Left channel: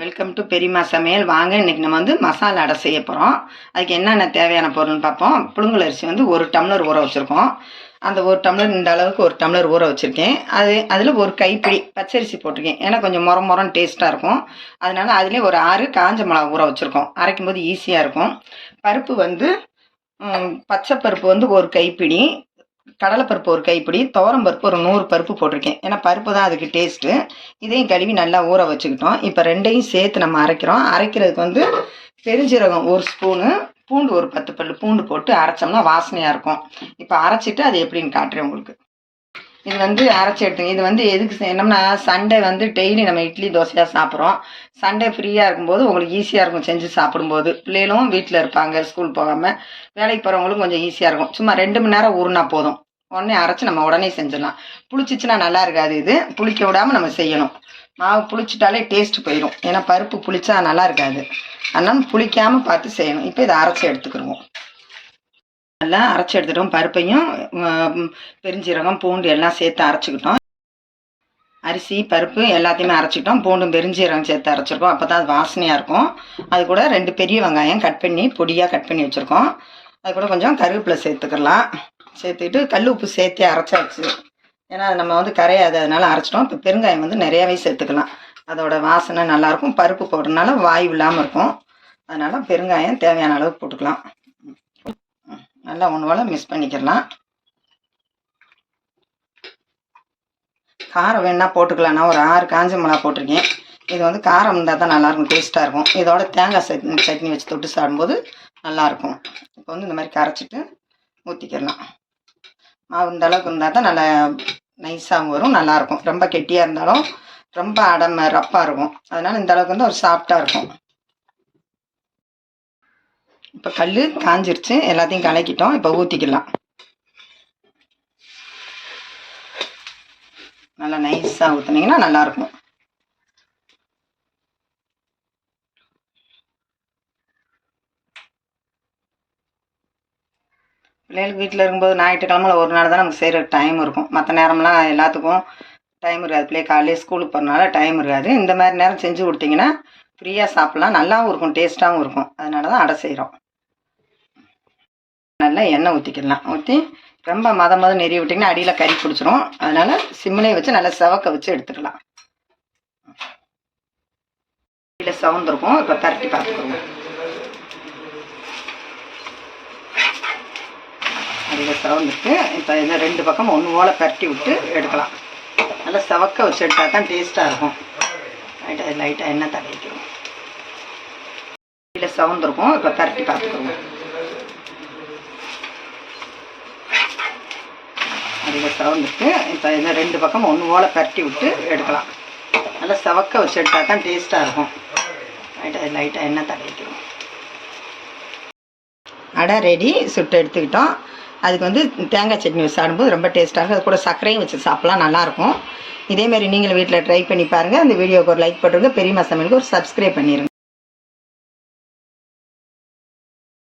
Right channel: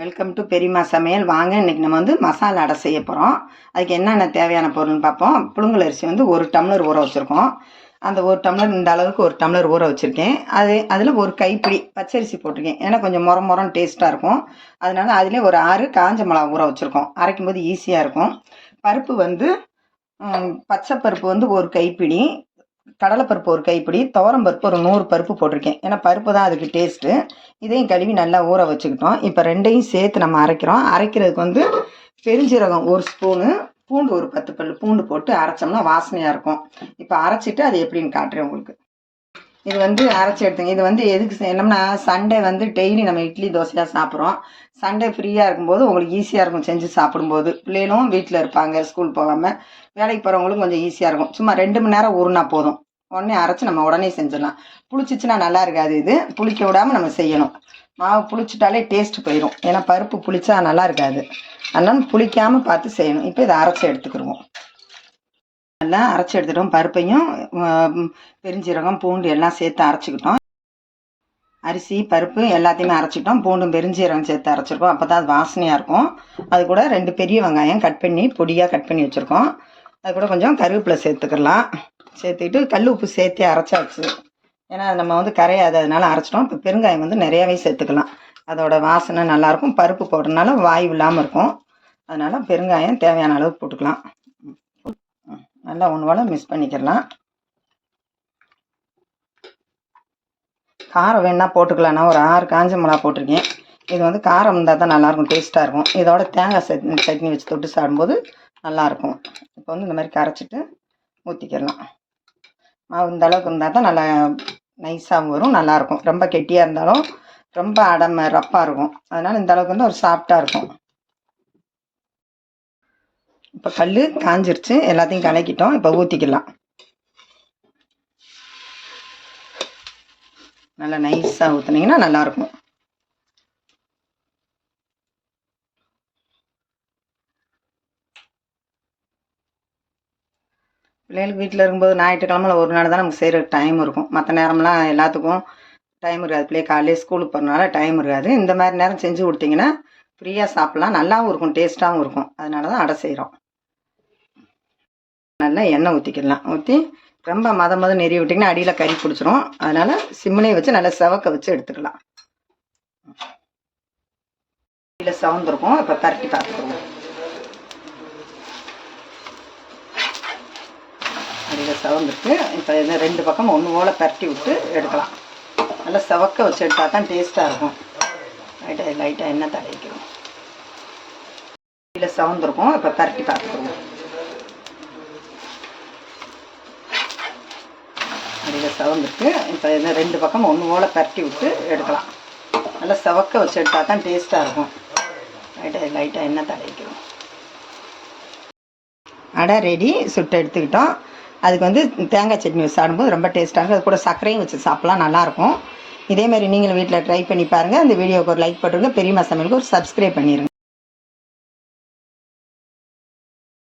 Welcome to பெரியம்மா சமையல். வாங்க, இன்றைக்கி நம்ம வந்து மசாலா அடை செய்ய போகிறோம். அதுக்கு என்னென்ன தேவையான பொருள்னு பார்ப்போம். புழுங்கல் அரிசி வந்து 1 டம்ளர் ஊற வச்சுருக்கோம். அந்த 1 டம்ளர் இந்த அளவுக்கு 1 டம்ளர் ஊற வச்சுருக்கேன். அதில் ஒரு கைப்பிடி பச்சரிசி போட்டிருக்கேன். ஏன்னா கொஞ்சம் மொரன்னு டேஸ்ட்டாக இருக்கும். அதனால் அதுலேயே ஒரு 6 காஞ்ச மிளகா ஊற வச்சுருக்கோம். அரைக்கும் போது ஈஸியாக இருக்கும். பருப்பு வந்து பச்சை பருப்பு வந்து ஒரு கைப்பிடி, கடலைப்பருப்பு ஒரு கைப்பிடி, துவரம்பருப்பு ஒரு 100 பருப்பு போட்டிருக்கேன். ஏன்னா பருப்பு தான் அதுக்கு டேஸ்ட்டு. இதையும் கழுவி நல்லா ஊற வச்சுக்கிட்டோம். இப்போ ரெண்டையும் சேர்த்து நம்ம அரைக்கிறோம். அரைக்கிறதுக்கு வந்து பெருஞ்சீரகம் 1 ஸ்பூனு, பூண்டு ஒரு 10 பல் பூண்டு போட்டு அரைச்சோம்னா வாசனையாக இருக்கும். இப்போ அரைச்சிட்டு அது எப்படின்னு காட்டுறேன் உங்களுக்கு. இது வந்து அரைச்சி எடுத்துங்க. இது வந்து எதுக்கு செய்யணும்னா, சண்டே வந்து டெய்லி நம்ம இட்லி தோசையாக சாப்பிட்றோம். சண்டே ஃப்ரீயாக இருக்கும்போது உங்களுக்கு ஈஸியாக இருக்கும் செஞ்சு சாப்பிடும்போது. பிள்ளைகளும் வீட்டில் இருப்பாங்க, ஸ்கூல் போகாமல். வேலைக்கு போகிறவங்களுக்கும் கொஞ்சம் ஈஸியாக இருக்கும். சும்மா 2 மணி நேரம் ஊறினா போதும். உடனே அரைச்சி நம்ம உடனே செஞ்சிடலாம். புளிச்சிச்சுன்னா நல்லா இருக்காது. இது புளிக்க விடாமல் நம்ம செய்யணும். மாவு புளிச்சிட்டாலே டேஸ்ட்டு போயிடும். ஏன்னா பருப்பு புளிச்சா நல்லா இருக்காது. அதனால் புளிக்காமல் பார்த்து செய்யணும். இப்போ இதை அரைச்சி எடுத்துக்கிடுவோம். நல்லா அரைச்சி எடுத்துட்டோம். பருப்பையும் பெருஞ்சீரகம் பூண்டு எல்லாம் சேர்த்து அரைச்சிக்கிட்டோம். அரிசி பருப்பு எல்லாத்தையுமே அரைச்சிட்டோம். பூண்டும் பெருஞ்சீரகம் சேர்த்து அரைச்சிருக்கோம். அப்போ தான் அது வாசனையாக இருக்கும். அது கூட 2 பெரிய வெங்காயம் கட் பண்ணி பொடியாக கட் பண்ணி வச்சுருக்கோம். அது கூட கொஞ்சம் கருவேப்பிலை சேர்த்துக்கலாம். சேர்த்துக்கிட்டு கல் உப்பு சேர்த்தே அரைச்சாச்சு. ஏன்னா அது நம்ம வந்து கரையாது, அதனால அரைச்சிட்டோம். இப்போ பெருங்காயம் வந்து நிறையாவே சேர்த்துக்கலாம். அதோட வாசனை நல்லாயிருக்கும். பருப்பு போடுறதுனால வாயு இல்லாமல் இருக்கும். அதனால் பெருங்காயம் தேவையான அளவுக்கு போட்டுக்கலாம். நல்லா ஒன்று போல் மிக்ஸ் பண்ணிக்கலாம். காரம் வேணா போட்டுக்கலாம். நான் ஒரு 6 காஞ்ச மிளகா போட்டிருக்கேன். இது வந்து காரம் இருந்தால் தான் நல்லாயிருக்கும், டேஸ்ட்டாக இருக்கும். இதோட தேங்காய் சட்னி வச்சு தொட்டு சாப்பிடும்போது நல்லாயிருக்கும். இப்போ வந்து இந்த மாதிரி கரைச்சிட்டு ஊற்றிக்கிடலாம். மாவு இந்த அளவுக்கு இருந்தால் தான் நல்லா நைஸாகவும் வரும், நல்லாயிருக்கும். ரொம்ப கெட்டியாக இருந்தாலும் ரொம்ப ரப்பாக இருக்கும். அதனால் இந்த அளவுக்கு வந்து ஒரு சாஃப்டாக இருக்கும். இப்போ கல் காஞ்சிருச்சு, எல்லாத்தையும் கலக்கிட்டோம். இப்போ ஊற்றிக்கலாம். நல்லா நைஸாக ஊற்றுனீங்கன்னா நல்லாயிருக்கும். பிள்ளைகளுக்கு வீட்டில் இருக்கும்போது ஞாயிற்றுக்கிழமை ஒரு நாள் தான் நமக்கு செய்கிற டைம் இருக்கும். மற்ற நேரம்லாம் எல்லாத்துக்கும் டைம் இருக்காது. பிள்ளைய காலையில் ஸ்கூலுக்கு போகிறனால டைம் இருக்காது. இந்த மாதிரி நேரம் செஞ்சு கொடுத்தீங்கன்னா ஃப்ரீயாக சாப்பிட்லாம். நல்லாவும் இருக்கும், டேஸ்ட்டாகவும் இருக்கும். அதனால தான் அடை செய்கிறோம். நல்லா எண்ணெய் ஊற்றிக்கிடலாம். ஊற்றி ரொம்ப மத நெறி விட்டிங்கன்னா அடியில் கறி பிடிச்சிரும். அதனால் சிம்மிலே வச்சு நல்லா செவக்க வச்சு எடுத்துக்கலாம். அடியில் செவந்திருக்கும். இப்போ பரட்டி பார்த்துக்கோங்க. அடியில் செவந்துட்டு இப்போ இதை 2 பக்கம் ஒன்று போல் பரட்டி விட்டு எடுக்கலாம். நல்லா செவக்க வச்சு எடுத்தால் தான் டேஸ்ட்டாக இருக்கும். லைட்டாக எண்ணெய் தடவிக்கணும். அடியில் செவந்திருக்கும். இப்போ பரட்டி பார்த்துக்கோங்க. அடியில் செவந்துட்டு இப்போ இதை 2 பக்கம் ஒன்று போல் பரட்டி விட்டு எடுக்கலாம். நல்லா செவக்க வச்சு எடுத்தால் தான் டேஸ்ட்டாக இருக்கும். லைட்டாக எண்ணெய் தடவிக்கணும். அடை ரெடி, சுட்டு எடுத்துக்கிட்டோம். அதுக்கு வந்து தேங்காய் சட்னி வச்சு சாப்பிடும்போது ரொம்ப டேஸ்ட்டாக இருக்கும். அது கூட சர்க்கரையும் வச்சு சாப்பிட்லாம், நல்லாயிருக்கும். இதேமாரி நீங்களும் வீட்டில் ட்ரை பண்ணி பாருங்கள். இந்த வீடியோவுக்கு ஒரு லைக் போட்டுருங்க. பெரியம்மா சமையலுக்கு ஒரு சப்ஸ்கிரைப் பண்ணிடுங்க.